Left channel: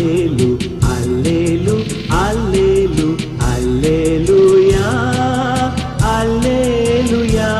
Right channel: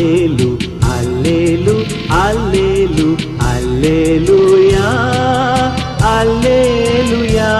Allelu, Allelu, Allelu, Alleluia, Alleluia.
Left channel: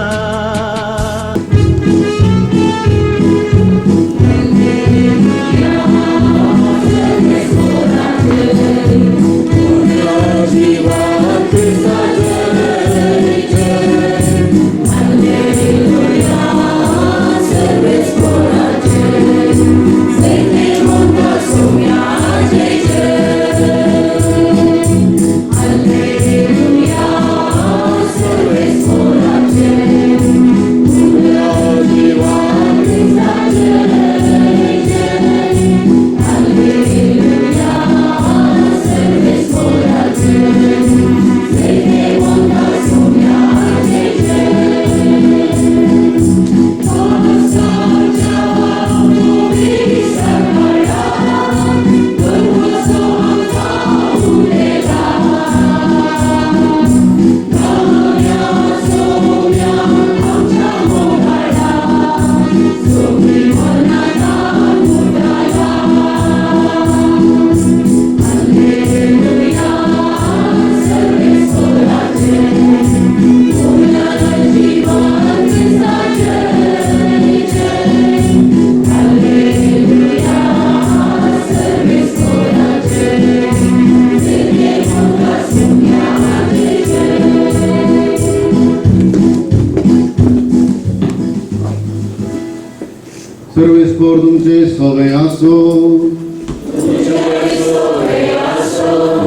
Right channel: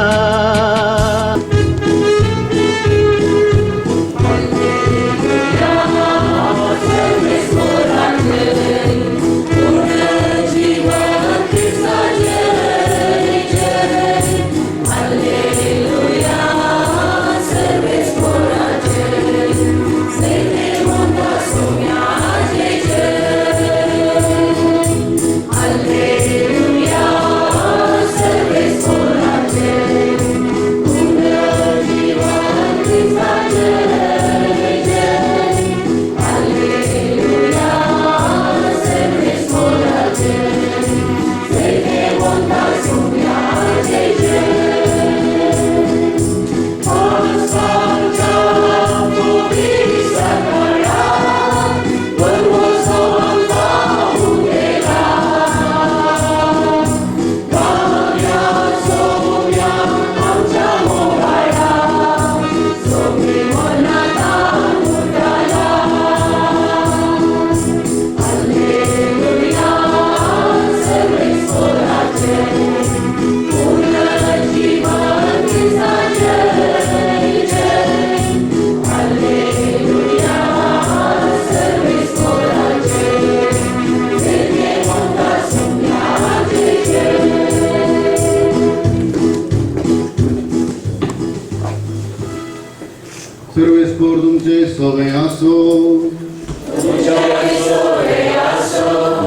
Serve spordum te soveaso.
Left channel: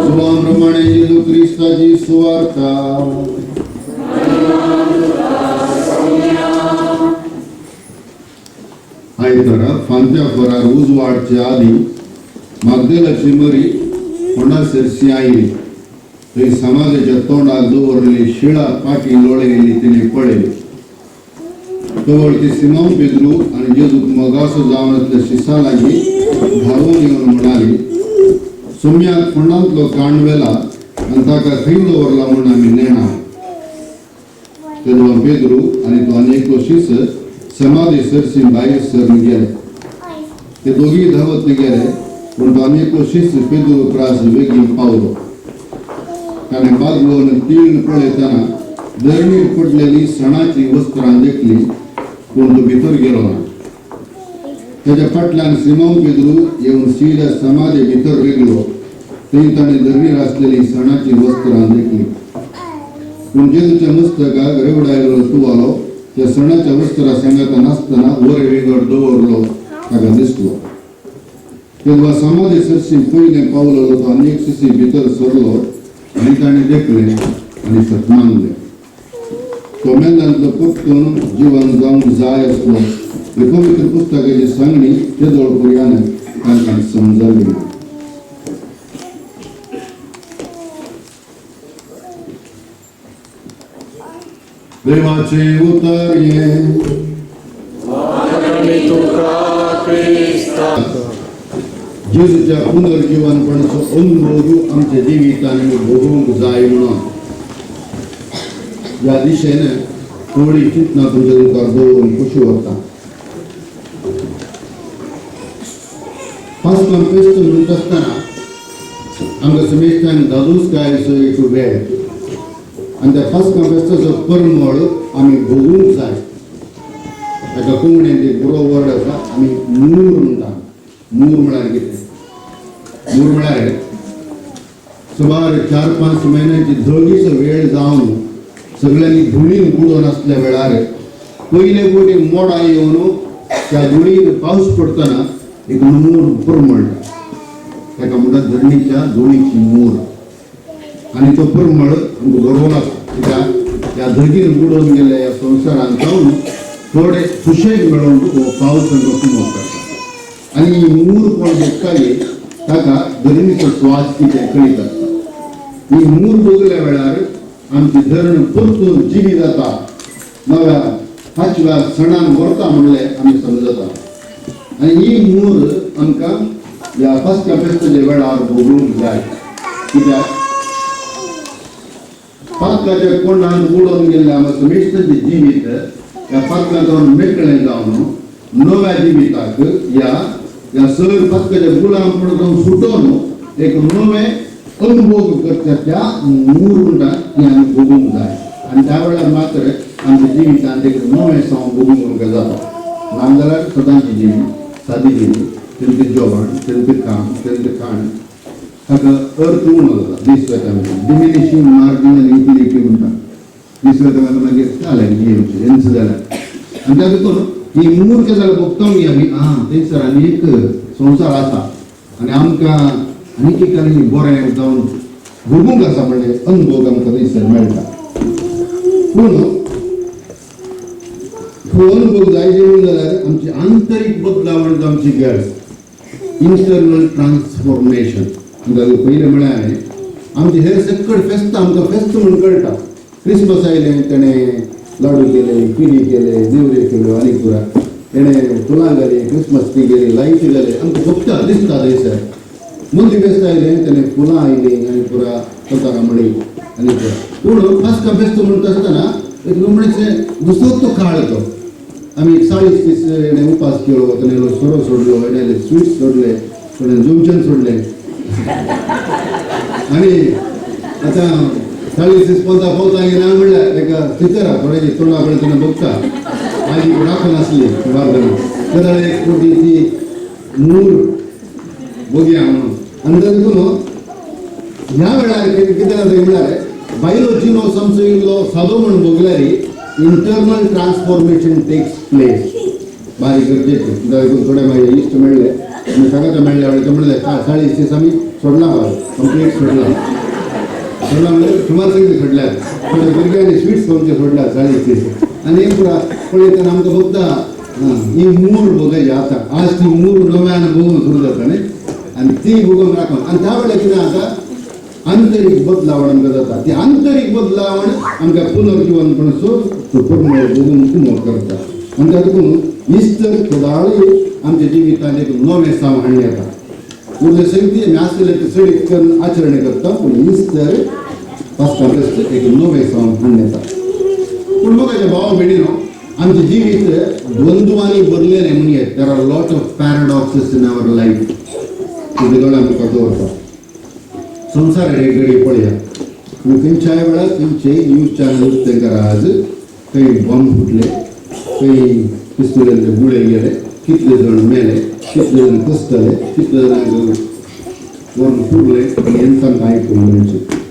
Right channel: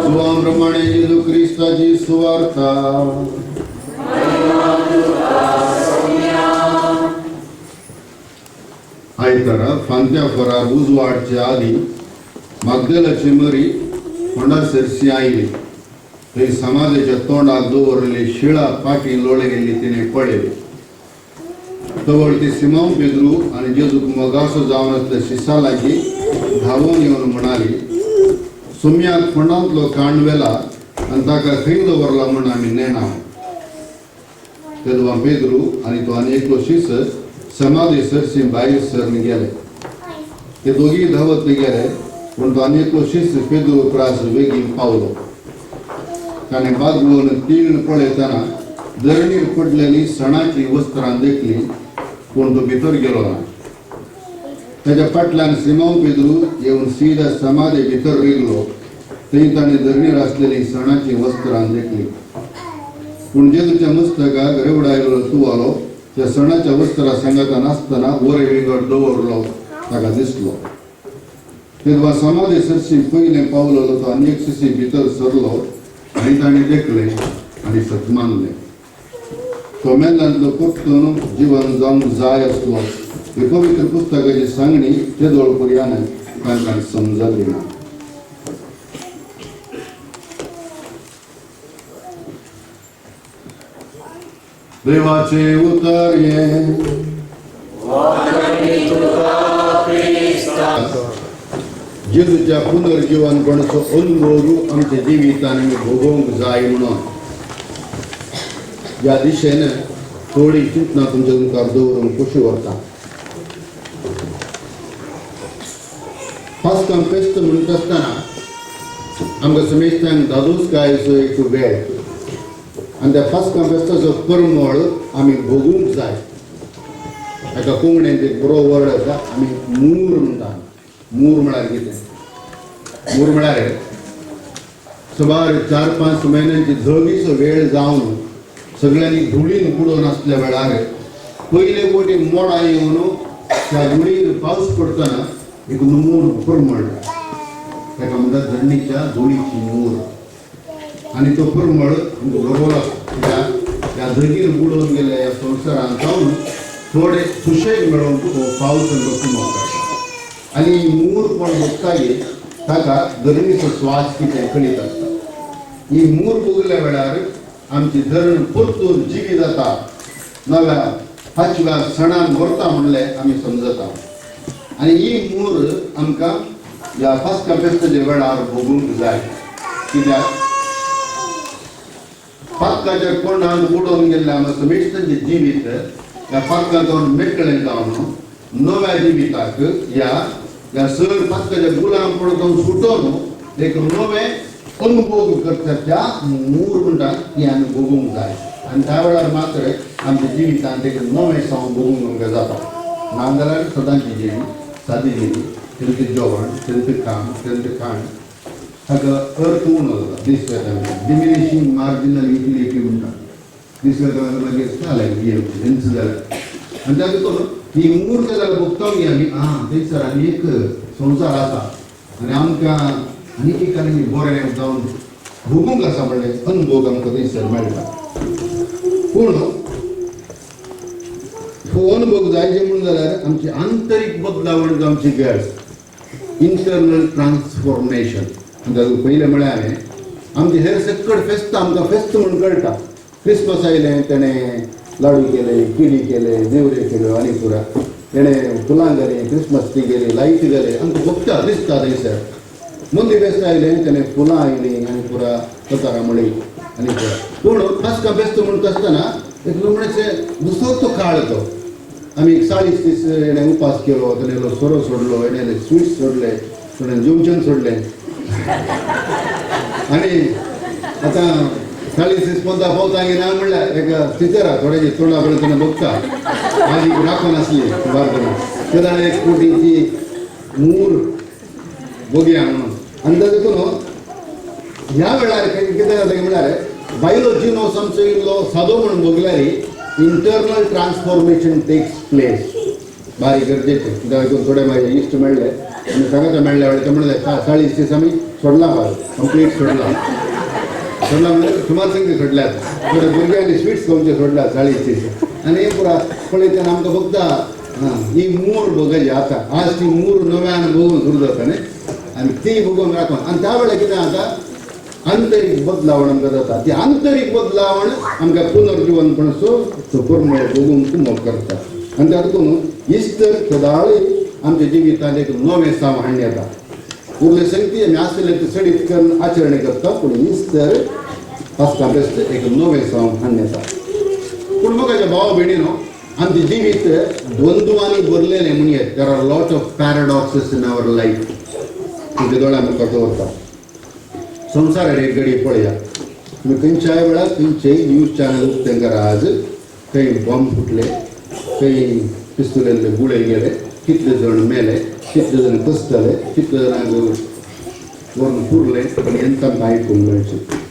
Zuam Ramane Jesu Christa ji suarta. आयतारा फांत्या फरार उजवाडच्या आधी मागदेलाची मरी Honda सेरसी oily थंय समाजाच्या तोंडाक दवरलेली शिळा पाटी लोळे गेली तिने पळयली तवळ ती सिमोन पेद्रू आणि जेजूक मोगासो जावन असल्या शिसा लागी धांवून येवन म्हणाली सुम्याक फोंडांतलो कांडवेला आनी ताका खंय दवरला म्हूण आमी नेणा तेदोवा पेद्रू आनी तो आनी एकलो शिस समाधी सरसी भायर सरन गेले ते दोगी धावत गेले पूण तो आनी एकलो शिस पेद्रू त्रास बेगीन पावलो ताणें बागलोवन तीळ पळयतना धरणीर पडलेली सणाची वस्त्रां देखली पूण तो भितर गेलो ना ताच्या फाटल्यान सिमोन पेद्रू येवन सीदा समाधी भितर रिगलो थंय ताणें धरणीर आसलेली सणाची वस्त्रां देखली पूण जेजूच्या मस्तकाक रेवडायलो तुवालो त्या सणाच्या वस्त्रा सांगता नासतना वरे वेगळ दवरलो ताका दिसलो तेन्ना समाधी सरशी पयलें पावलो तो अनेक शिशी भितर सरलो आनी ताणें देखलें आनी सतमानलें तो मेंदांतलो पटकन जीवन जावंक जाय आसलो हे पवित्र पुस्तकाची सांगणी ते दोळपुर्यान तांकां समजली ना देवाचे उतर ये जेजूच्या पुनर्जीवनपणाचो अनुभव आमच्या जिवितान आमी भोगूंक जाय म्हणून या दिशेन थोडी चिंतना तुमच्या मुखार दवरून कशी वता पास्कां फेस्त म्हणत आसतना आमकां समेस्तांक दादोसकायचो एक वेळ आनी त्या पास्कां फेस्ताचो परमळ आमी भोगूंक जाय हाका कोंकणींत एक बरो वर्ड आसा आमी मूर म्हणटा मूर म्हळ्यार कितें मूर म्हळ्यार सुमार 4-5 म्हयन्यांची धगीचो वेळ जावन सगळ्यांनी धुळीन बुडोवन आसल्या वेळार पयले फावटी मोडां येवन त्या धुळीर पावस पडटना एक मूर परमळ ताका म्हणटात धरणीच्या धुळीची मूर आनी तो परमळ आमकां बरो लागता कित्याक ह्या धगीर बुडोवन गेल्या ह्या संवसारांत जावन थोडे सुशेग मेळोवन पावस आमकां कुमक करता आनी ही मूर कोण बसताली ताका धरणीचो स्वास कितें कळीत आसता ही मूर बगल्या वेळार आमची धरण परतून जिवी जाता नव्या 5व्या सणान व्हरता म्हणलें आमी समजता आनी ही मूर आमकां ह्या पास्का फेस्ताच्या वेळार भोगूंक जाय कित्याक पास्काच्या कोंडांत बुडोवन गेल्ल्या आमच्या समेस्ताचें जिवीत ह्या पास्कांत मेकळें जावन नव्या जिविताक ह्या ह्या सर फक्त गुलाम पडून सुटोन एक नवे अनुभव करता त्या मूर म्हणटा ती आमी भोगूंक जाय आनी त्या वेळार मात्र आमच्या जिवितांत एक नवे सावन भोगूंक जाता नाजाल्यार सदांची जिणी सादी जिणी तेंचे जेवण तेंचे काम तेंचे खाण हाका अर्थ उणो जाता दीस वेता डिमिनिशिंग मार्जिनल युटिलिटी म्हणटा दीस वेता मागीर जालें बीएमसी तेंच जालें आनी तातूंत ही मूर्ख जाल्यार भोगतांक आमी थंयसर आनी एक संवसार आसा आनी आमकां आनीक एक आनी बरें जावन भोगूंक आसा म्हणलें अनुभव आमकां थंयसर मेळटा पूण हो अनुभव जायचे म्हणून जाल्यार आमची आंतरीक बदलावण जावची गरज इंटरनल ट्रान्सफॉर्मेशन पयलें म्हळ्यार हांवें आमचे हेर सकट फेस्त आमकां फेस्त म्हणून कळटा क्रिसमस आयलें तेणें लाडू केले किडी केले नेवऱ्यो केल्यो आनी पुरा तेणें फुलां घाली क्रिसमस टी गेली लायटी घाली आमकां भोगता दिसता थंयसर मंदी फेस्त आयलें तेणें फुलां आयलीं आनी पुरा कतारां म्हणली आनी पुरा पूण पास्का फेस्त म्हणटा आसतना एक म्हणचे दुसरोच तो काळ तो आमी 40 दीस हेणें उपास केलो तेणें सोरो सोडलो हेणें स्वीट्स सोडले तेणें जुमचन सोडलें आनी आतां 40 दीस पंदरा पावता ना म्हणल्यार एक टिचर आहा थोड्याची तोंडा कडेन तेणें बघता म्हाजी राखो नासली बार्दना ते जाल्यार एक कोटी ती मूर बघया म्हणून आनी तातूंत ह्या वेळार कितें जाता म्हळ्यार बायलो जिनो समजो इल्लो सादो म्हणून भोगल्यार इंटरनल ट्रान्सफॉर्मेशन टेक्स प्लेस बारीक गरजेचें तातूंत थोडे म्हाजे इश्ट मेळ्ळे आनी सगळे मेळ्ळे ते म्हणले 40 दीस आमी सोडला बाय कंप्लीट सोडला म्हणजे सुमार संख्या सोडल्यात थोडे भुरग्यांनी स्वीट्स खावचे सोडल्यात 40 दीस आनी हें पुरा पळयतना आमकां फक्त ही मूर भोगयची आतां आज ती मूर नव्यान भोगून सुरू जाता न्ही आनी ती भोगून राखून आनी त्या वेळार कितें जाता आंतरीक बदलावण आमकां जाता ती आंतरीक बदलावण आमकां पुनर्जीवनपणाचो परमळ भोगूंक मोग करता आनी तातूंत इस्तर सदांच आमच्या जिवितांत एक नवें साव हाडून येता उरले संगती आमी आसले ते सडीत करून आचरण करता पूण इस्तर पास्का फेस्त एक नवें साव हाडून येता पूण म्हाका भाव भयणीनो आमचें जिवीत द्वंद्वांनी भरलेलें म्हणयेत there are lot of paradoxes in our life तुजे दोळे आमकां दवरता संवसार एक घडी पळया तुम्ही खंयच्याय वेळार खंयचे न्यूज चॅनल तांकां आज खंय बॉम्ब फुटले खंय पिस्तुलेल्ले गुळे गेले कितले जाण मेले कितले जाण कसतले कितले जाणांक व्हरून पुरले आनी हें तांकां आयकूंक मेळचें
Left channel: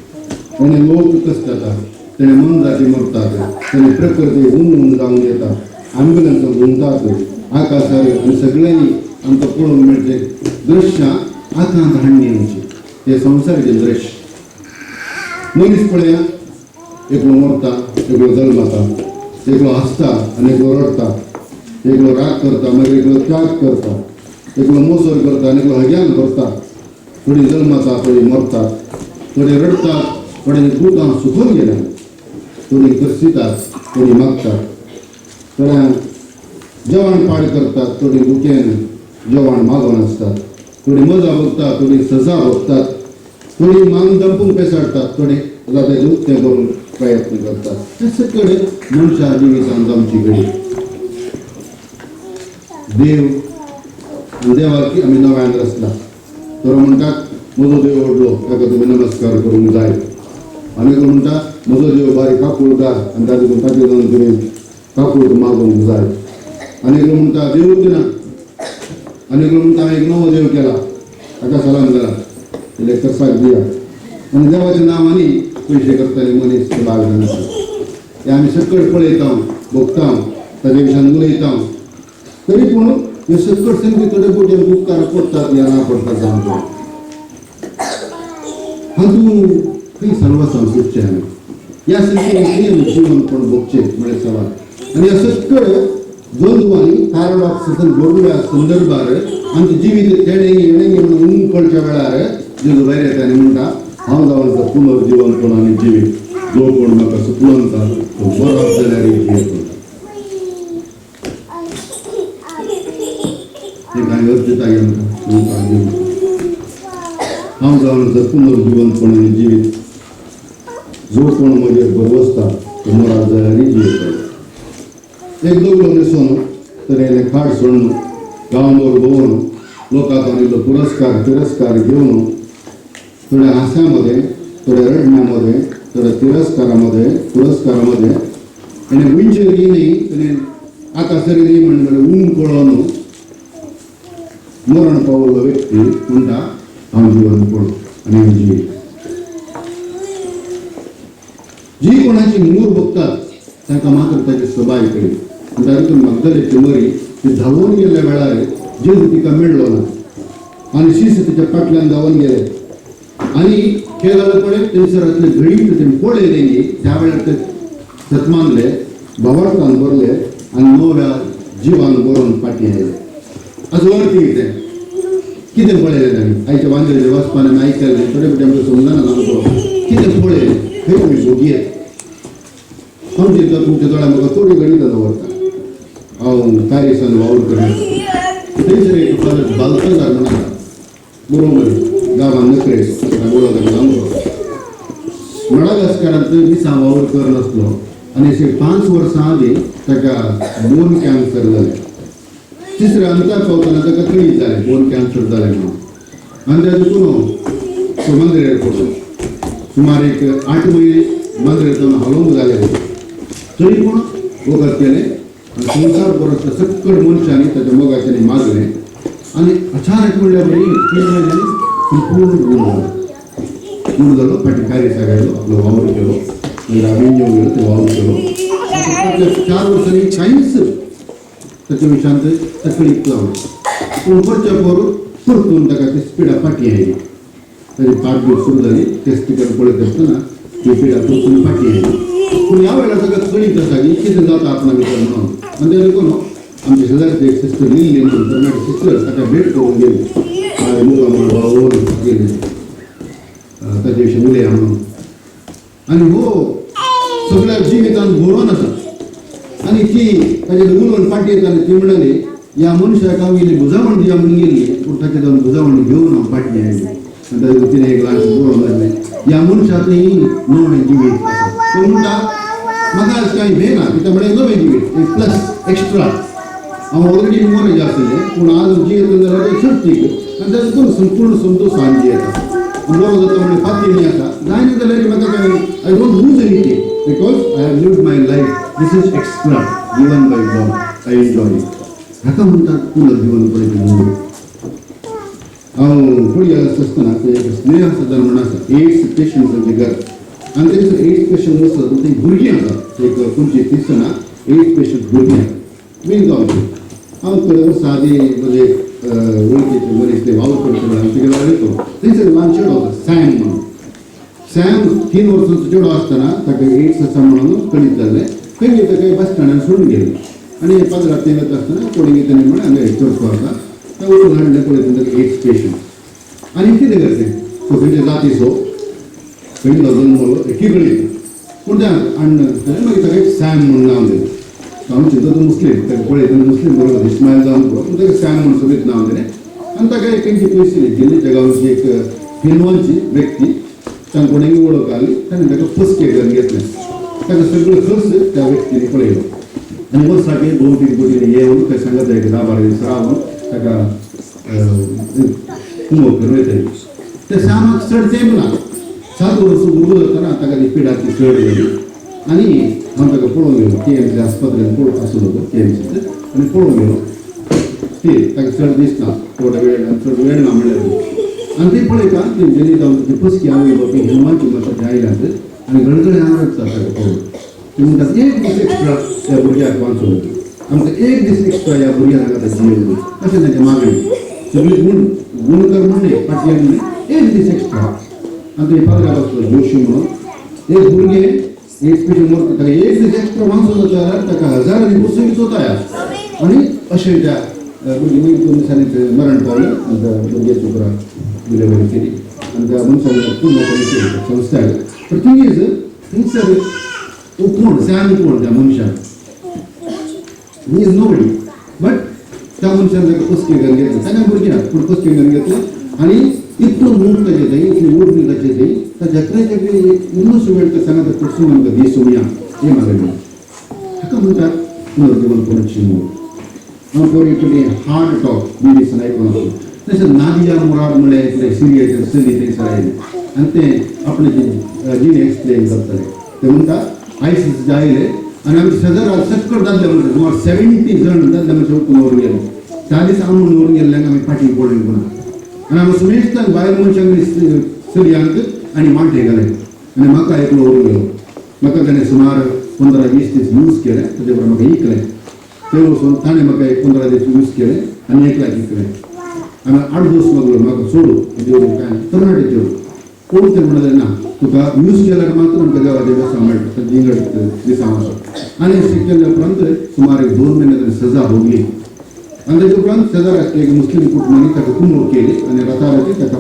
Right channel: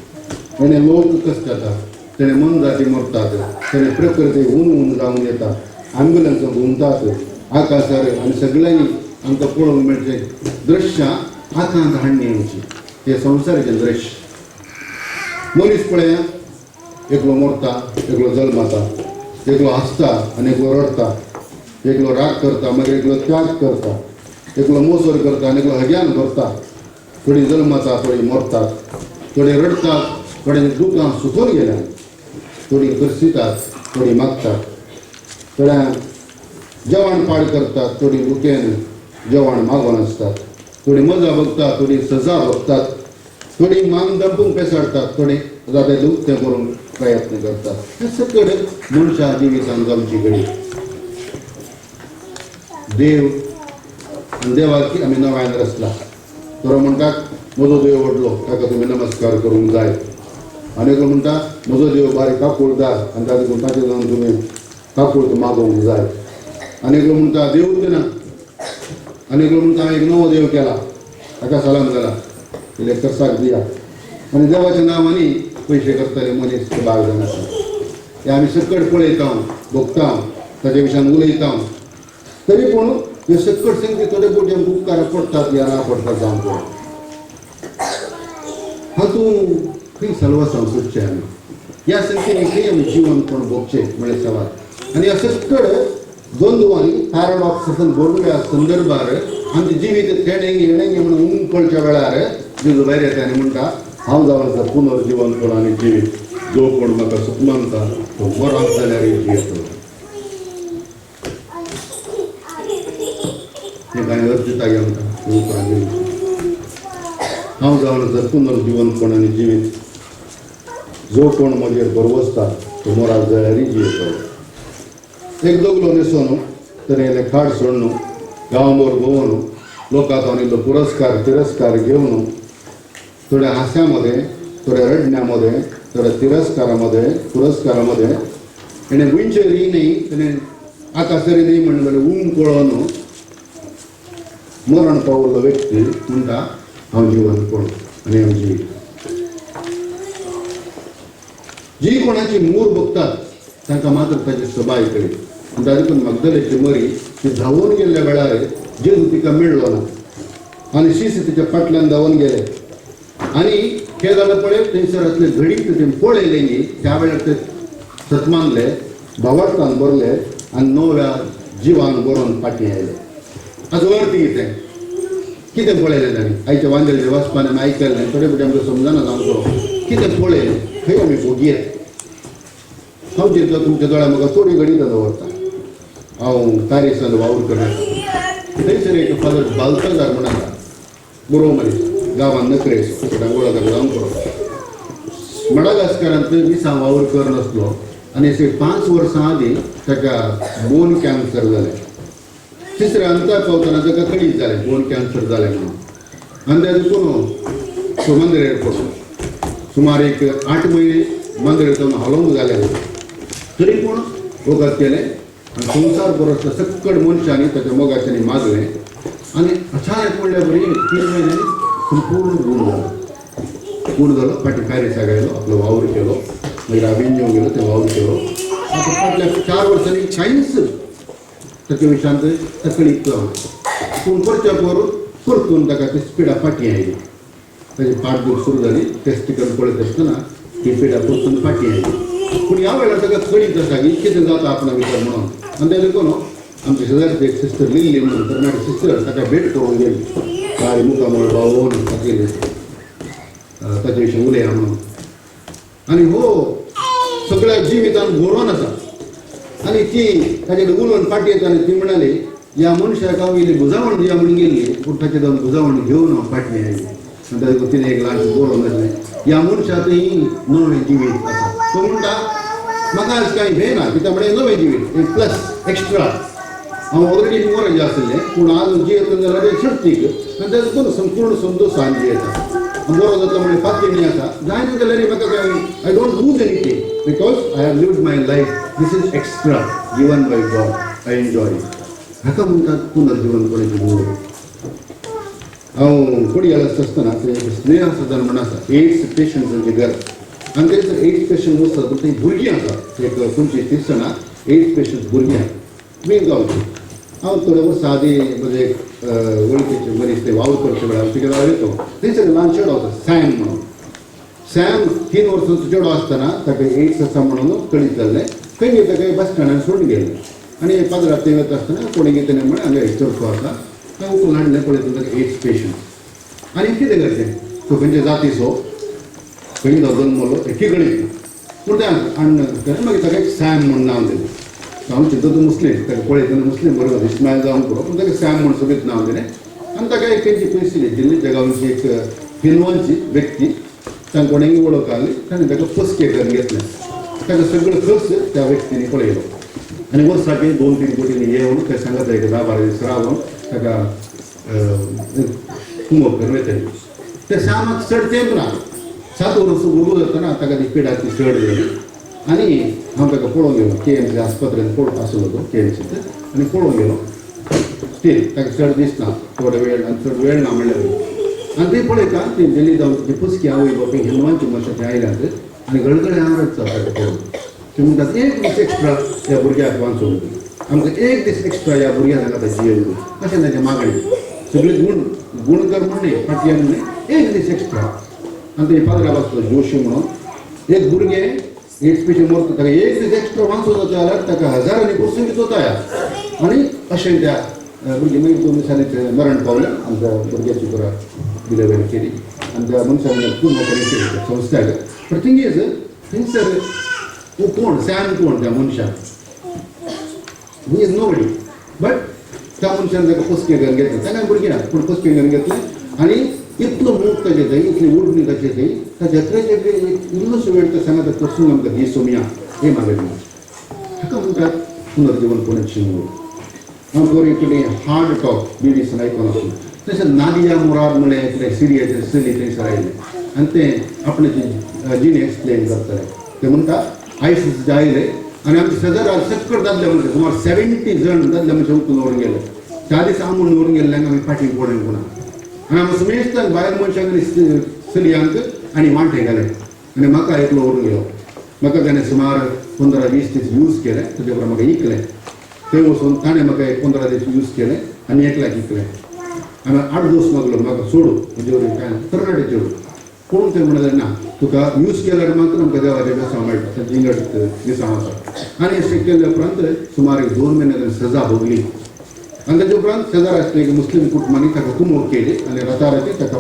तेणे लोक कसतात तेणे मनजाती मरतात तेणे प्रकृती हुन जावन येता ॲम्ब्युलन्स घुमतात आकाशार आनी सगळ्यांनी आमकां पळोवंक मेळचें दृश्यां आतां हाडणी आमची हे संवसाराचें दृश्य मनीस पळया एकलो मरता एकलो जल्माता एकलो हसता आनी एकलो रडता एकलो राग करता मागीर एकलो त्याग करता एकलो मोसर करता आनी एकलो हग्यान करता थोडी जल्माता थोडी मरतात थोडे रडतात थोडे दुकां सुकून गेल्या थोडी करसितात थोडी मागतात थोड्या जेवण पाड करतात थोडी भुकेन जेवण मागोन आसतात थोडी मजा बघतात थोडी सजा बघतात थोडी मान दंपूंक पेसाडतात थोडे जाते लुकतें करून प्रयत्न करतात हे सगळे मनशा जिवितांत आमची घडी देव आनी देवाक आमी नव्यान रचला तो म्हणटात म्हजो देव व्हडलो ताका तुमी नमस्कार करूंक जाय आनी तो म्हणटा म्हजो देव बारीक काकूळदार आनी तातूंत ताचे जावन तुमी काकूळ मागोवंक जाय आनी तो म्हणटा देवूच ना आनी तो म्हणटा हांवें एक नवो देव केला ताका सलाम जाला तेले कर्साक दिया आनी देवाच्या नांवांनी पयशे करतले मनीस ते बाग जाण आसा हे आमी सकट पळयता भोगता ताचे विशयान उलयता तरी पूण हे सकट संगती थोडे फावटी आमकां उपकार पडटात या ना पडटा जावन हातूंत खंय सर्वस्वां सुटचें आमी ह्या संगतीन खंय आमी जिवन कोण भोगचें म्हळें सवाल आनी ह्या सकट द्वंद्वांनी पॅराडॉक्सान भरल्या संदर्भार आमचें जिवीत तेणेंगी येणेंगी म्हणून उमकळच्या वेळार जेजू भायर येता आनी म्हणटा हांव जावन आसा पुनर्जीवनपण आनी जिवीत जो कोण म्हाका सुपलवता तो बरो जाल्यार जियेतो हे कांय अर्जताय आमकां हांव जावन आसा पुनर्जीवनपण आनी जिवीत जो कोण म्हजेर भरवसता तो मोराद जाल्यार जियेतो एक दोगलो न्हेसोन तरेले खाड सोडून गांवभर भोंवन लोकांतून इल्लो पुरस्कार तिरस्कार घेवन थोड्या हास्यामध्ये, थोड्या रडण्यामध्ये, थोड्या तिरस्कारामध्ये, पुरस्कारामध्ये ताणें गोंयचेर येयनय ताणें आकाशेर न्ही म्हणून ऊन पळोवन मरण पावलो व्यक्ती म्हणटा हांव जिवन पळो आनी हांव जिवीत. जी कोणाची मूर बघतात तांकां मात्र ताची सबाय कळ्ळी. आनी तातूंत मगदलेची मरी ती धांवून गेल्ल्या वेळार जेजू तिका मेळ्ळो ना आनी शिश्य तिच्या फाटल्यान धांवून गेले आनी हें जालें पळय थंयसर असले घडीत तें पळयले त्या वेळार ते सतमानले भावार्थान भरले आनी नव्या जिवान बरोवन फाटीं आयले. हाचो अर्थ कितें पळयलें तांणी आयच्या वांगेले वचपान आमी आयकल्लें थोडे फावटी आमकां समजना सामको कितें पळयलें खंय आमी भोगयेत. हांव चिंतलो तुमच्या दोळ्या म्हाका थोडी घडी दवरता. हांव तारीसान वावर करता थंयसर एक फादर बालताजार म्हण आसा गोरोमध्ये गांवांत नखरेचो वळख जावन पडो मडागास्कारांत दिसा वावर कर नासलो आनी अशें 5 वर्सां आदीं ताका बोन कॅन्सर जालें. तिसऱ्या अंताक पावतना ताका कळीत जालें बोन कॅन्सर जालें म्हणून आनी तातूंत तो मंदिरेर पडलो. सुमार एक 8 म्हयने मंदिरांतून हलोवंक जालें तरी पूण वखद केलें आनी संवसार परस सक्कड मनशांनी ताच्या मोगाच्यांनी मागलें आनी अचानक म्हणल्यार बरी 3 म्हयन्यांनी संपूर्ण गूण जालो फाटीं कायरेसाक आयलो आपलो वावर केलो मागीर आबिंजो गेलो ते वावर केलो. फाटल्या 4 वर्सांनी कांयच ताच्या विशयांत तकलीक जावना पूण परच्या परतून ताका ती पिडा फाटीं आयली. ताची फाट दूर सुरू जाली टेस्टिकल पळयत आसतना ती पिडा परतून फाटीं आयली. पूण ह्या वेळार ताका कळीत आसा की कितें जाता आपणा भितर म्हणून आनी ताका देखून आमची शेजारची एक सिस्टर लिल्ली म्हणून तर माझी सिस्टर ताका भेट करून गेली काय मुखामळ भावून गेली ताचे विशीं उलया म्हणून आनी हो सगळ्या जिवितांत भरून आसा आनी ती ताचे उलोवन फाटी येता आनी ती म्हणाली ह्या मनशाक हांव इल्ली बुजावण दिया म्हणून गेल्ली पूण ताचे जावन बुजावण घेवन हांव फाटीं आयली. आनी ताका तिणें एक ल्हानशें बरोवन जालें ह्या मनशाकय नवें जिवीत आसा. तो म्हणटा म्हाका आज कांय भें ना कित्याक म्हळ्यार नवें जिवीत एक प्लस एक्स्ट्रा हांव ऑलरेडी मोरज आसलें पूण आज जियेता जाल्यार ते शक्तीक आनी तातूंत संपूर्ण संतोशान जियेता. बरो जाता म्हणजे फातीं आसा जायना जाल्यार म्हाका काय I don't lose anything because I have lived my life this is extra given by God I enjoy हाका म्हणटात पुनर्जीवन करपाची मूळ. हांव कोडयाल आसतना ते स्नेह सदन म्हण आसा एड्स पेशंटांचें घर आनी थंयसर एड्स पेशंट वचत पूण थंय भुरगीं आसात एक 25-30 जाणां एड्स पेशंट भुरगीं वेग गांवची. हांव थोडे वर्सां आदीं म्हजे वळखीचे मनीस ते वावर करचे वेळार तिका वयतो थंयसर ल्हान चेडो आसा सॅम म्हणून. सॅम 3 वर्सांचो चेडो आसतना ताका एड्स आसा म्हणून कळीत जाल्लें खंय ताका बस स्टँडार सोडून गेल्लें आनी पाजरात ते वता आसतना कोणी तेणें म्हण हांगा चर्चो आसा तें वचून हाडलें पळयत ताका एड्स पेशंट आनी कितें करचें तो खंयचे जातीचो खंय जल्मलो एकी कडेन पूण तें हाडून मागीर ताका एक सॅम म्हणून नांव दिलें. हांव चिंतता तो मुस्लीम ताका पळय तेन्ना मुस्लीम बरोबर इस्मायल जावन पळो पूण ताका सॅम म्हणून सोबीत नांव दिलें आनी ताका एक तेंची पयस दिल्ली त्या गांवची एक फिनवांची व्यक्ती तांकां कोणेंय वळख आसली ताणें ताका पसके घर घेतलें. ताका सगळो खर्च त्या व्यक्तीने पळयलो आनी वर्साक 2-3 कोटींनी येवन खंय सांगत जाय 10-12 दीस रावन ताका कुंभ कर वयतली. त्या सॅमाक चड तेंप ना 7 वर्सां भुरगो जातना ताका ती पिडा ती चड जाली आनी हांव ताका पळोवन गेलो KMC आस्पत्रेंत पळोवप आसलो तो KMCत आनी पळोवन गेलो स्टील ताका चड दिसना थोडे वेळ चड वेळ ना म्हणल्यार आनी ते पळयता ती जेली जावन ती पसकी आवय बापाय हिंदवांची मशाची आयल्यात आनी गळगळे आवडत ताका पळोवन ते म्हणटात एक दीस एक्स्ट्रा त्या भुरग्याक वाचून आमकां एक दीस एक्स्ट्रा ह्या भुरग्याक आतां जियेवं अशें ताचें मागणी सगळी गुणकर म्हणणे पाटयन म्हणणे एक दीस एक्स्ट्रा आनी ते पाद्रा बसलो जोशी म्हणून एक भुरगें एड्स पेशंट मरता ताका एक दीस एक्स्ट्रा वाचून जाता जाल्यार ताका हजारांनी बसून विचोवता आनी अशें त्या भुरगीं मागीर 2 दिसांनी मरण पावलें आनी त्या भुरग्याची पुरा डिलिव्हरी केली आनी त्या मनशान खूब नोकरी केली संस्थाक. पण थिंग इज थंयसर कोण सॅम कोण त्या मनशान ही इज नोबडी बट त्या मनशान ताका पसके घेवन घेतलें ताका भुरगीं पूण पसके घेवन घेतलें आनी इतलो मूग ताचे थंय इतली ओडणी ताचे थंय ताचे अकराचे इल्लोसो वेळ ते सांगता कडसून आमकां दी सोमया हे मागणी हाका म्हणटात पुनर्जीवन पुनश्ची मूळ. हांव बरी कडेन हार्ड टॉक BBC आयकोन आसलो तशें नादिया मुराद म्हळ्यार एक सिरियाचेर चली थंयसर आयले आनी ते आपणे जीन एक्सप्लेन करतले ते म्हणटा आयसीस जे आयले आनी आमचे शेजारा सकट दादले म्हणजे सुमार 70 जण दादले म्हणजे उठून व्हरून गेले 40 आमून व्हरून गेल्ल्यांक आमी फाटीं पडले पुन्हा आनी आमी सुमेस्तान भायर मनशांक चलयांक आनी मांठे गेले आनी म्हाका एकलो व्हरून गेलो म्हाका ताणें सुमार 15-20 दीस यूज केले तेजे उपरांत म्हाका इकले थंय वचून ताणें म्हाका 15 दीस यूज केले आनी 1 लाख इकले आनी 8 दीस मागलो म्हाका सोडू म्हणजे काय तरणाटे चेडू पूण ते म्हणले ना तुका यूज केल्यार मात्र आमकां देवाचे बेसां मेळटा जिंगड दिसां वचप आनी अशें केल्ल्या उपरांत सुमार 2 म्हयने ताणें सजा भोगली आनी तेजे उपरांत शेजार आसले एक मुस्लीम कुटुंबांनी ताका कुमोग केली आनी राताराती ताका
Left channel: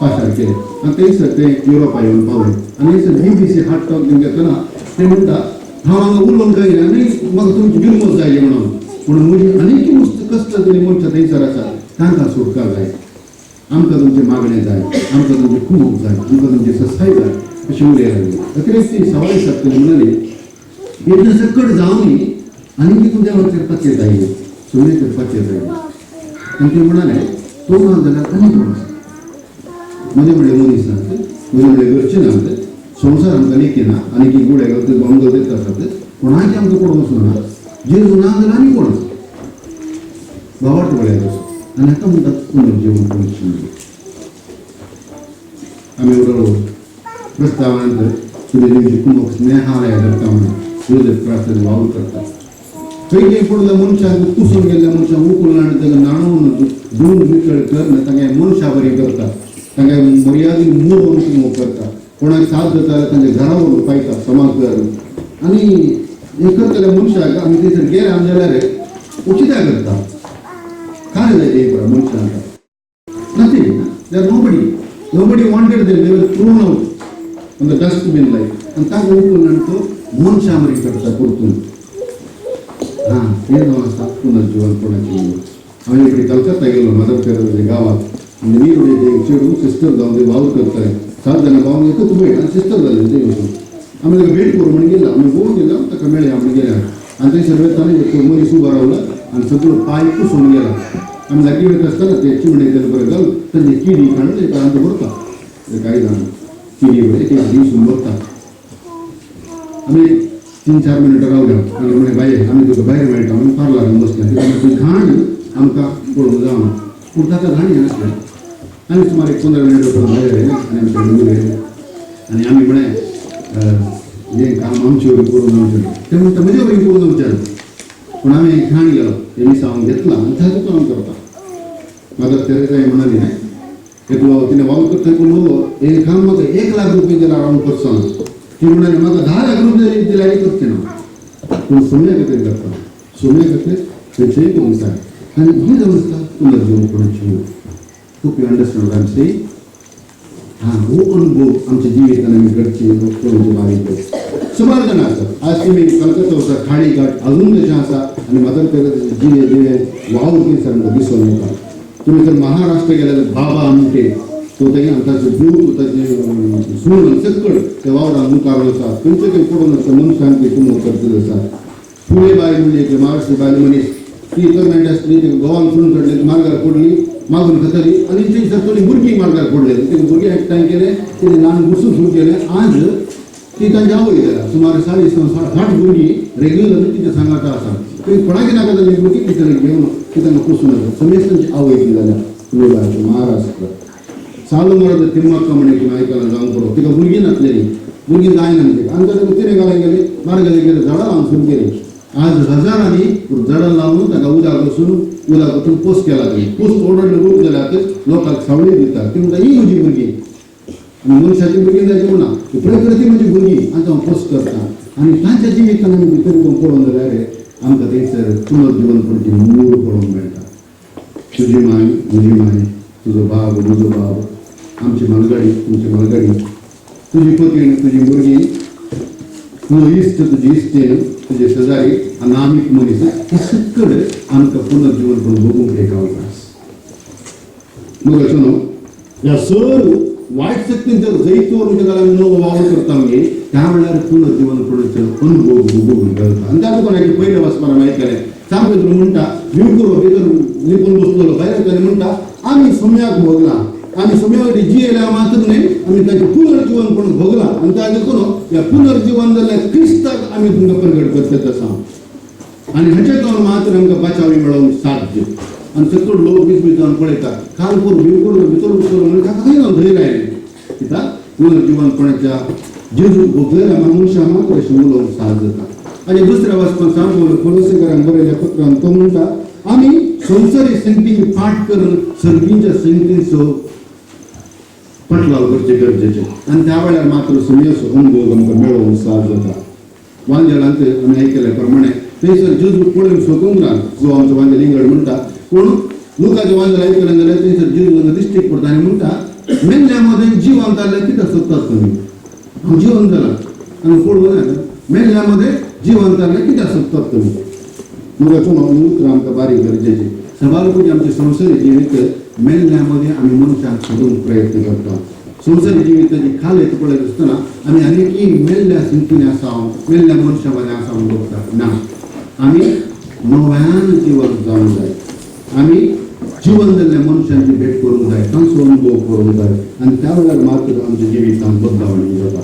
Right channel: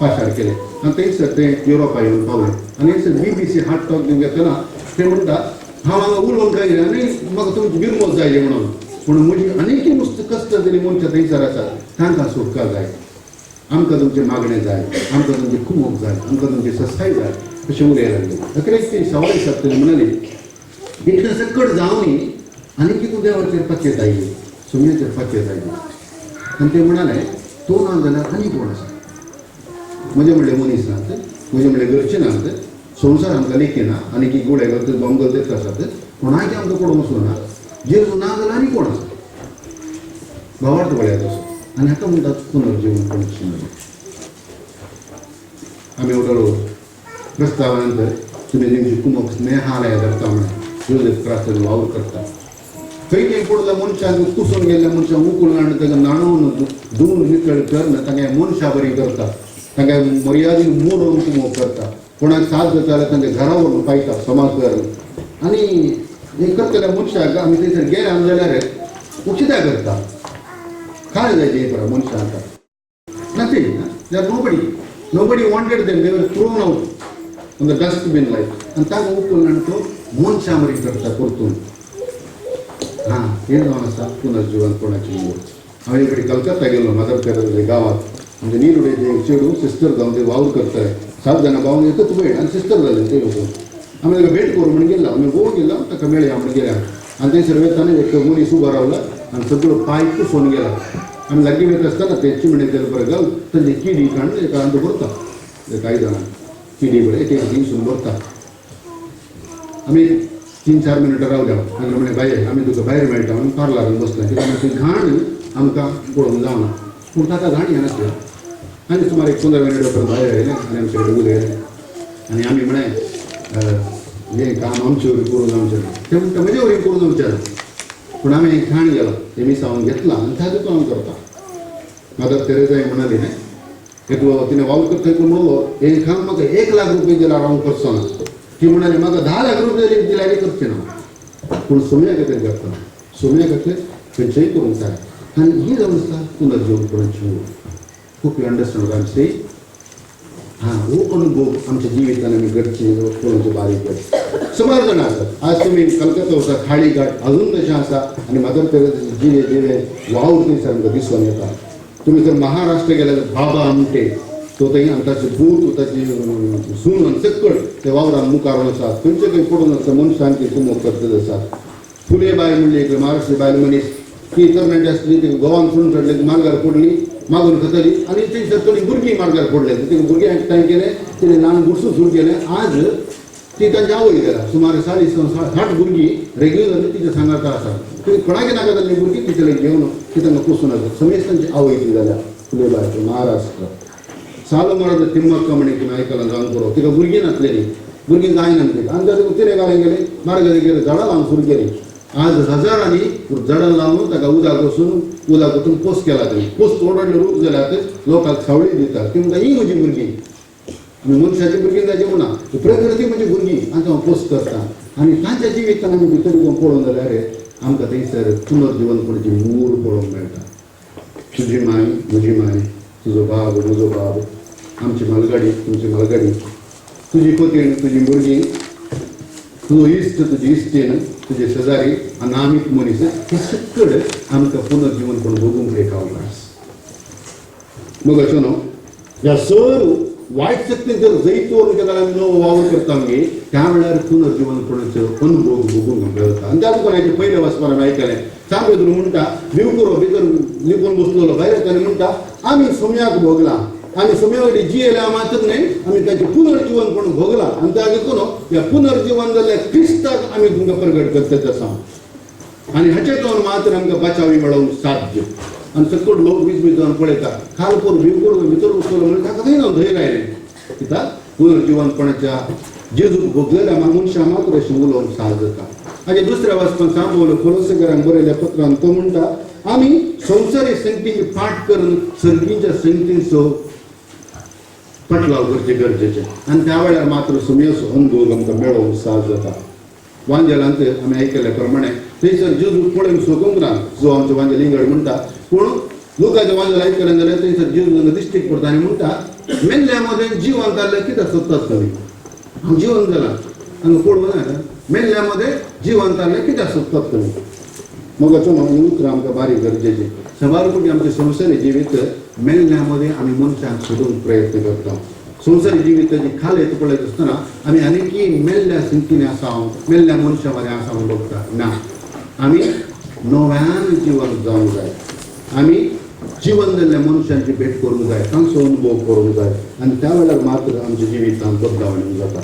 पाशार केले आनी थंयसर ते युरोपा येवन पावले आनी थंयसर BBC हार्ट टॉक घेतना ते म्हणटा हांव हांगा उलोवंक गायले आनी म्हाका तुमची बिरमोज जायली म्हणून पूण म्हजी आनीक कश्ट तरी मनशां थंयसर आसात तांकां सुटका जाय आमकां तुमचें मागणें जाय आमकां तुमचें कुमोग जाय आमकां तुमची ससाय जाय अशें उलय लागले अखेरेक ती सवाय सारकेली म्हणाली इतलें सकट जावनी आनी कितें देवाचेर पातयेत आयली सुमयेचेर पातयेत आयली आनी ते म्हणाले तो ना जाल्यार आनी कोण आसा म्हजे म्हणले मनीस नात म्हजे म्हणले घरचे नात संवसार आमकां लेखिना आनी की गुडे घालतात बॉम्ब घालतात आसात कोणाचें आमकां पडूंक वचूं ना जेजू ना जाल्यार आनी कोण आसा भावार्थ वळ्यार तसो आनी हाका म्हणटात पुनर्जीवन पुनर्जीवन आमी उडलो प्रस्तावानंतर तुमी तेंची कुमोग स्नेहालय करता म्हणून योजक प्रार्थना वावर करता खंय खंय पडल्या मनशांक कुसून गेल्ल्या मनशांक उखलून आनी ताका नाणोवन धुवन नितळ करना तांगे मनशां बरी करता तांकां मर्यादीन मोडून कुमोग करता कोणाक साथ जाता जाल्यार तांच्या घरा व्हरून पायता समाज घर आनी हें करतल्या मनशाक आमी थंयसर गेले जाल्यार उचिता करता काय जाय ते पळय मनशांक nothing there nobody wanted them they were thrown out on the dustbin like आनी ताका उखलून आनी तो मनशां बरी करता परतून हां हें जावन आसा पुनर्जीवन कोणाची हांव एक कलकत्ता गेलो मदर तेरेसा गांवांत म्हणजे नीरुडेचे एक चेडू सिस्टर जावन ते वावर करताय 7 जाणां पावून एकच भेट आनी सिस्टर जाले ते वचून आमी ताका भेट करूं म्हणून गेला आमी भोवून गेला ताका मेळया म्हणून गेल्या आनी थंयसर वेताना एक मनीस उबो रावला आनी सगळो पांय पुसून गेला आमी लागीं वयता आसतना ते चिमणे तेल बरें घाल ताजी किडी काडून एका आंत भरता ते कांय जाणां किडी बरें एक दिवसून भरता आमी 3-4 मिनटां रावल्या आनी म्हणे बाये आमी तुका भायर मेळटा आमी पार्लरान बसला कित्याक ती घाण आमकां पळोवंक जावना पूण ताका घाण हें नासलें आनी सुमार 15 मिनटां उपरांत भायर आयले आनी आमचे कडेन उलयले आनी आमी म्हळें हें काम आमचे वरी करून आमचें ते म्हणटा म्हजे वरी करून विचार पूण आमी घाण गेलो ते मिसांवन घेतला आनी ताजो काम करता मदर तेरेसा म्हणाली एकलो तिणें वावर करता म्हणलो हें काम म्हाका 1 लाख रुपया दिल्यार हांव करचो ना ती म्हणाली म्हाका 10 लाख रुपया दिल्यार करचें ना पूण सुम्या खातीर करता सुम्या खातीर खंयचेंय करूंक जाय आनी ही जावन आसता पुनर्जीवन कोणाची खूब you understand I am saying हां हो अनुभव आमच्या जिवितान आमी घडची करूंक बारीक सुमार जाणां आसात आज तुमी कलकत्ता वचा खाडी घाट अजून तशें आसा आनी मदर तेरेसा जिवे वावर थंयसर आमकां दिसून येता तुमी जर महाराष्ट्र गेले जाल्यार बाबा आमटे तो थंय ताचे दूत ताची सून सकट ते वावरान मुखार आसा खंयचे खंय पडून आसता मनशांक ती कुमोग करतले आसात फुले बायल म्हणली एक महाराष्ट्र बायल मनीस ती तरणाटी आसली ती गोवान सून चडले मार्गार पडली मागून खातली आनी थंयसर थोडी भुरगीं मार्गार पडले ते भुरगीं एकठांय केले तिणें ल्हान बुरसूं सुरू केलें आज ती तांची आवय गेल्या सुमार 60 भुरगीं रेग्युलर तिच्या सांगाता आसा तरी कोणाक नाका जाल्ली भुरगीं तिचे घेवन ती तांकां पुसून आसा समेज तांची आवय ती जाल्या फुले बायची महाराष्ट्र सालो मरात तिम्मक्का म्हणे तुम्ही आयकलां जावन पळोवप तिका भुरगीं नासलेली भुरगीं जायना तिका आनी ताका तिणें घालून गेले मार्गार गेले झाडां लावन सुरू केली आज हजारांनी झाडां लावन ताका उदक वचून उदक वचून पोस्ट केला तरी पोस्ट ओरडले रूप जाल्यार लोकांक सावळी दिता ती म्हणटा ही म्हजी भुरगीं आनी मनशाची भुरगीं जायची म्हणा प्रकृती म्हणजे भुरगीं आनी हांव पोस्ट करता आनी तांच्या जिवितान आमी भितर कोण पळोवन जाल्यार आमकां थंयसर पुनर्जीवन करची मूळ पळोवंक मेळटा तुजी माय म्हजी माय तुजो बाब म्हजो बाब आमची मलगाडी तुमची मलगाडी तुजी पतीण तुजी भुरगीं तुजो इश्ट तुजी इश्टीण तुजे शेजारी अनामीक मनीस हे सगळे आमकां पुनर्जीवन करून भोगूंक एक अवकाश मग अशें न्हू ह्या सर वायट शक्तीन जर जैतोर जाल्यार आमी नवो वावर करता मगे त्या वेळार पुनर्जीवनपणाचो अनुभव भोगूंक मेळटा आनी त्या दुकानाचे पयले वचपाक आमी आयकलें सांगपा म्हणटा भिव करो भितर लिपून बसलेलो भायर येता आनी म्हणटा आम्ही सुम्याक भोगला आम्ही सुम्याकडे जियेल्या मात्र नाही आम्ही ताचे पुनर्जीवन पण भोगला आणि त्या देखून या पुनर्जीवन जाल्ल्या क्रिस्ताक आम्ही तुमकां प्रगट करतात आसा आणि हाचेतून मात्र आमकां बचावी मेळोवंक साध्य आणि सकट लोक बीज जावन पळयतात खालपूर भिवपूर भितर उचलो म्हणजे ताका खंय जावन धंय रायलें कित्याक पुनर्जीवनपणाच्या जेजूक भोगलेल्या मनशां मात्र अशें उलोवंक साद जाता हाचे दुसऱ्या वाचपान सांगलो कोलोसेकारांक बरयल्या पत्रांत तो म्हणटा आमी संवसारी संगतींची फाट करून सर्गींच्या संगतींचो पटलाव करचे गरजेचे आणि त्या वेळार मात्र सुमेसो अनुभव आमकां मेळोवंक साद जाता वांजेलांत आमी आयकल्या प्रमाणे थंयसर जेजू पळोवन सोकूंक ना जो आमचो वांजेल इंगड म्हणटा पूण लुकाचें वांजेल आयकलें जाल्यार थंयसर जेजू तांकां दिश्टीक पडटा आनी म्हणटा मेल्ल्या मदें जिवंत जाल्ले कित्याक सोदतात तुमी हांव जिवंत जाला आनी पळोवं ना मेल्ल्या मध्ये जिवंत जाल्ले कित्याक सोदतात तुमी मग अचून उतर आमकां बारीक गरजेची सभालपणी आमचे संवसारी जिवीत मेल्ल्यामध्ये आमी मनशांक सोदूंक प्रयत्न करता संवसारी जिविताची खाल येता पळयत आसतना आमी आनीकी मेल्ल्या संगतीने आसांव मेल्ल्या मनशा बरें आसांव बघता ना आमी नव्यान जिवंत जावंक जाय आमी जिवन जाल्ल्या मनशांची भेट करूंक जाय तांचो अनुभव करूंक जाय आनी त्या वेळार मात्र आमच्या जिवितांत बदलावणी जाता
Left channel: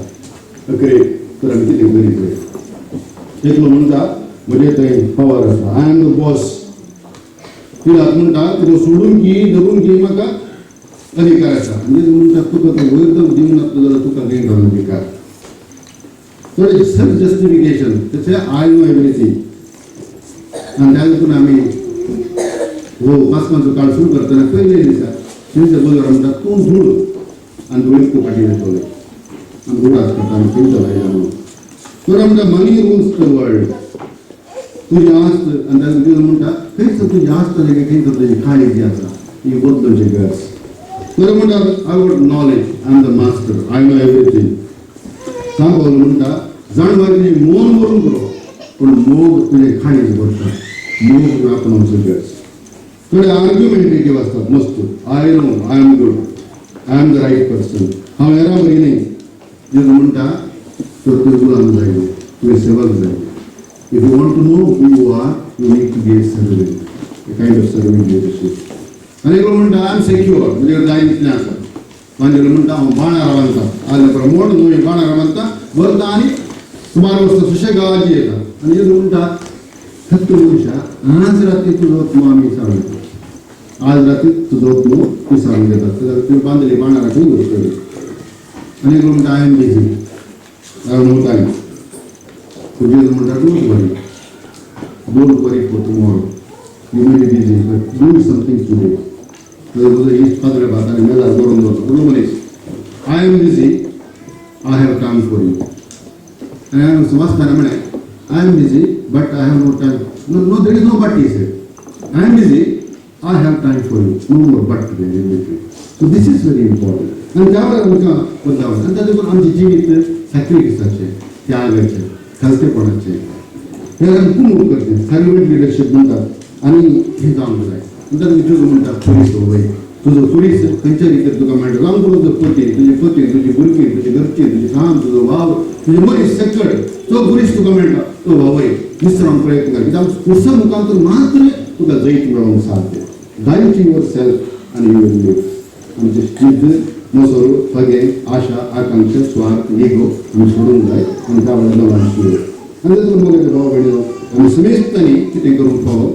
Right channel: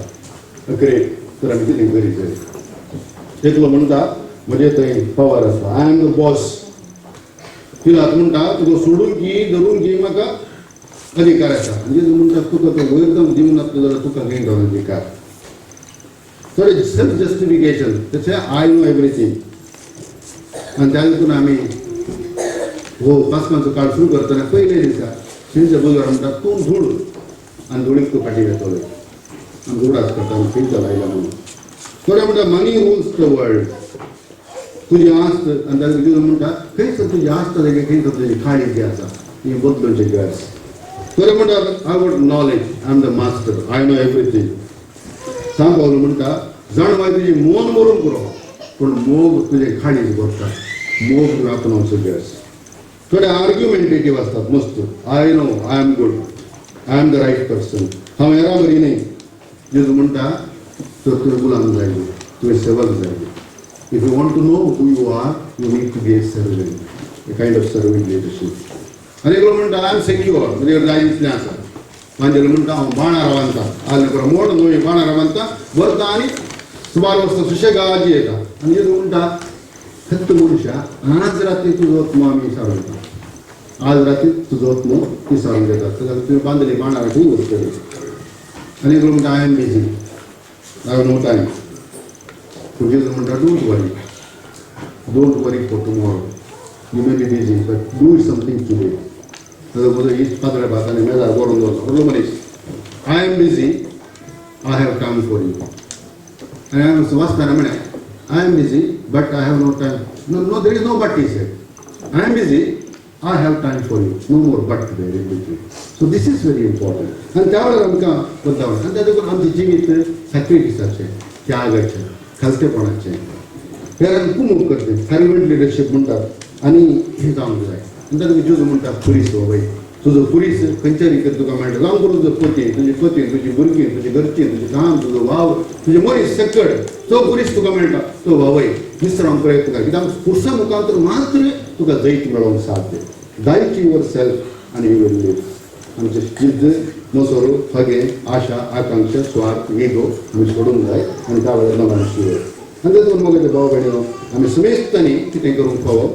अखेरेक तर आमी कितें करीत जाय एकलो म्हणटा म्हजे थंय पावर आसा I am the boss Tilak म्हणटा तुका सोडून की धरून की म्हाका अधिकार आसा म्हणजे म्हणटा तुका तो वैरदम दिवं नासलो जाल्यार तुका खंय घालून अधिकार थोडे सेल्फ जस्टिफिकेशन तशें आय नो एवरीथींग आनी त्या देखून आमी हो पासमांचो काळ सुरू करतना पयले दिसा तेंच्या बरोबर म्हणटा तूं धूळ आनी धुळीक तूं फाटीं घेतलो आनी धुळाच करता आनी तेंच्या लायला म्हणून थोडे म्हणटा मनी रुल्स द वर्ल्ड तुजी आस्त आनी त्या देखून म्हणटा खंयच तुजी आस्त जाल्यार खंयच तुजी खाणी जी आसा ही बदलूंची गरज थोडे म्हणटात I want knowledge I am the master I know everything सांग पावलो म्हणटा जाण मागीर तुजी मोन वरून करो पूण मोग तुजे खाणीच भरता मोग आपणावचो गरज थोडे आर्ग्युमेंटेटिव्ह असतात मस्त I know I am good I am the right person हांव हेरां बरी न्ही जेजू म्हणटा तर तुवें गुलाम जाय तुवें सेवक जाय if you want to know who you are you need to be a servant a kind of serving leadership आनी एकलो म्हणटा आय एम सेक्युअर म्हणजे जाय दिसलें आसा मागीर म्हणटा हांव बाणां रावता आल्या बरो मोड न्हू बाणां रावता वरता आनी सुमार वर्सां सुशेगाद येता आनी जेजू म्हणटा खत्त मनशा आज राती तुजो आत्मो आमी विसारून येता आज राती तुजो आत्मो विसारून येता जाल्यार तुवें बांदली बाणां राखून दवरतली आनी एकलो म्हणटा I am busy I have no time तुजें म्हणटा don't worry for tomorrow you may be busy but do something today ताजो म्हजो इश्ट पातळ्या भातांनी मेजार करून दवरलो उलो मनीस I am busy I have time for you आनी हांवें वाचताना म्हळें I am busy but I have no time no there is no but he said I am busy I have time for you no more but there in between so this is very important आनी त्या वेळार आमकां बदलावण आनी त्या देखून आमचें जिवीत सॅक्रिफिसाचें त्यागाचें खालतेपणाचें हेर आमी कुमूक करचें सर्वंट लिडरशीप म्हणटात आनी हें जावंक जाय आनी ताका जेजू म्हणटा पुलीस वय तुजो पुलीस खंयच्या रितीन तुका मेळटा जावं तूं तुजो पती तुजी भुरगीं तुजी घरचीं तुजी काम तुजो भाव तुजे मनीस सकट तो पुलीस तुका मेळटा तो भावय विसरावंक प्रयत्न कर कित्याक पुरसा मुखांतर मात्र तुका जैत मेळोवंक साध्य डाय टू युअर सेल्फ आनी यू वील लीव आमचें जिद्द मोसोरू हगे आशा आकांक्षा स्वार्थ इगो आमी सोडूंक जाय आनी त्या वेळार नवान शिवर आनी तातूंत मग भाव भयणीनो आमी सुमेजतांनी कितें करूंक फावो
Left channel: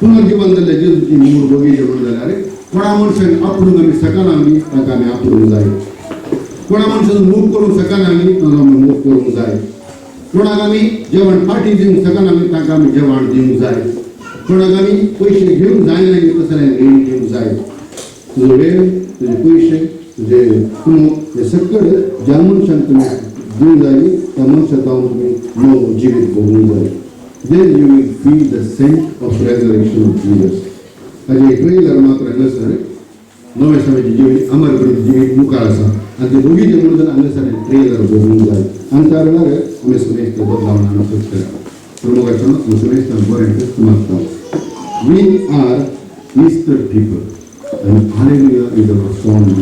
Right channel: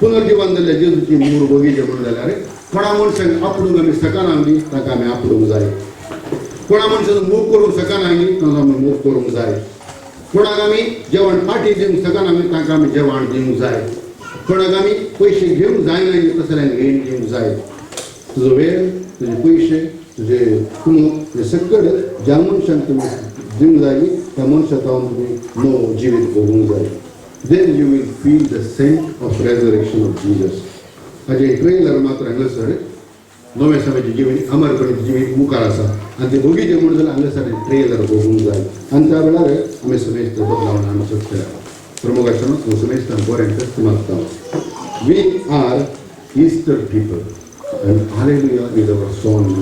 पुनर्जीवन जाल्ल्या जेजूची मूळ बगीचे म्हणून जाल्यार कोणा मनशाक आपणूक आमी सकाना बी ताका आमी आपणूक जाय कोणा मनशाचो मोग करूंक सकाना आमी ताका आमी मोग करूंक जाय कोणाक आमी जेवण फाटी दिवंक सकाना आमी ताका आमी जेवण दिवंक जाय कोणाक आमी पयशे घेवंक जायना तशें जाल्यार घेवन दिवंक जाय तुजो वेळ तुजे पयशे तुजे कुमूक हे सकट ज्या मनशाक तुमी दिवंक जाय त्या मनशाक जावन तुमी नवो जिवीत भोगूंक जाय then you will feel the scent of resurrection of Jesus. हाजे ट्रेलर मात्र हांगासर नवे समाजी जिवीत अमरगणीत जिवीत मुखार आसा आनी ते बगीचे म्हणून जाल्यार हांगासर ट्रेलर भोगूंक जाय आनी त्या वेळार आमी सुमेस्त बदलावन हांगा सोदतले प्रमुखाचो हांव सुमेस्तान बरें तें मागता वी आर ईस्टर पीपल आनी हालेलुया इज अवर सॉंग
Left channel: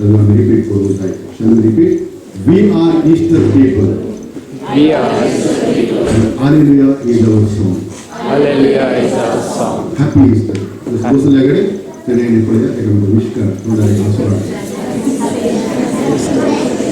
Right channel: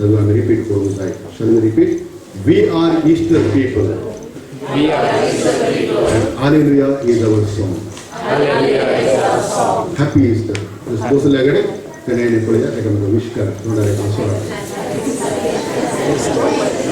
ताजो आमी रिपीट करूंक जाय shall we repeat we are Easter people We are Easter people. Hallelujah is our song. Hallelujah is our song. Happy Easter. बसल्याकडे तेणें पळया ताका विश कर तोंडार एक हांसो हाड.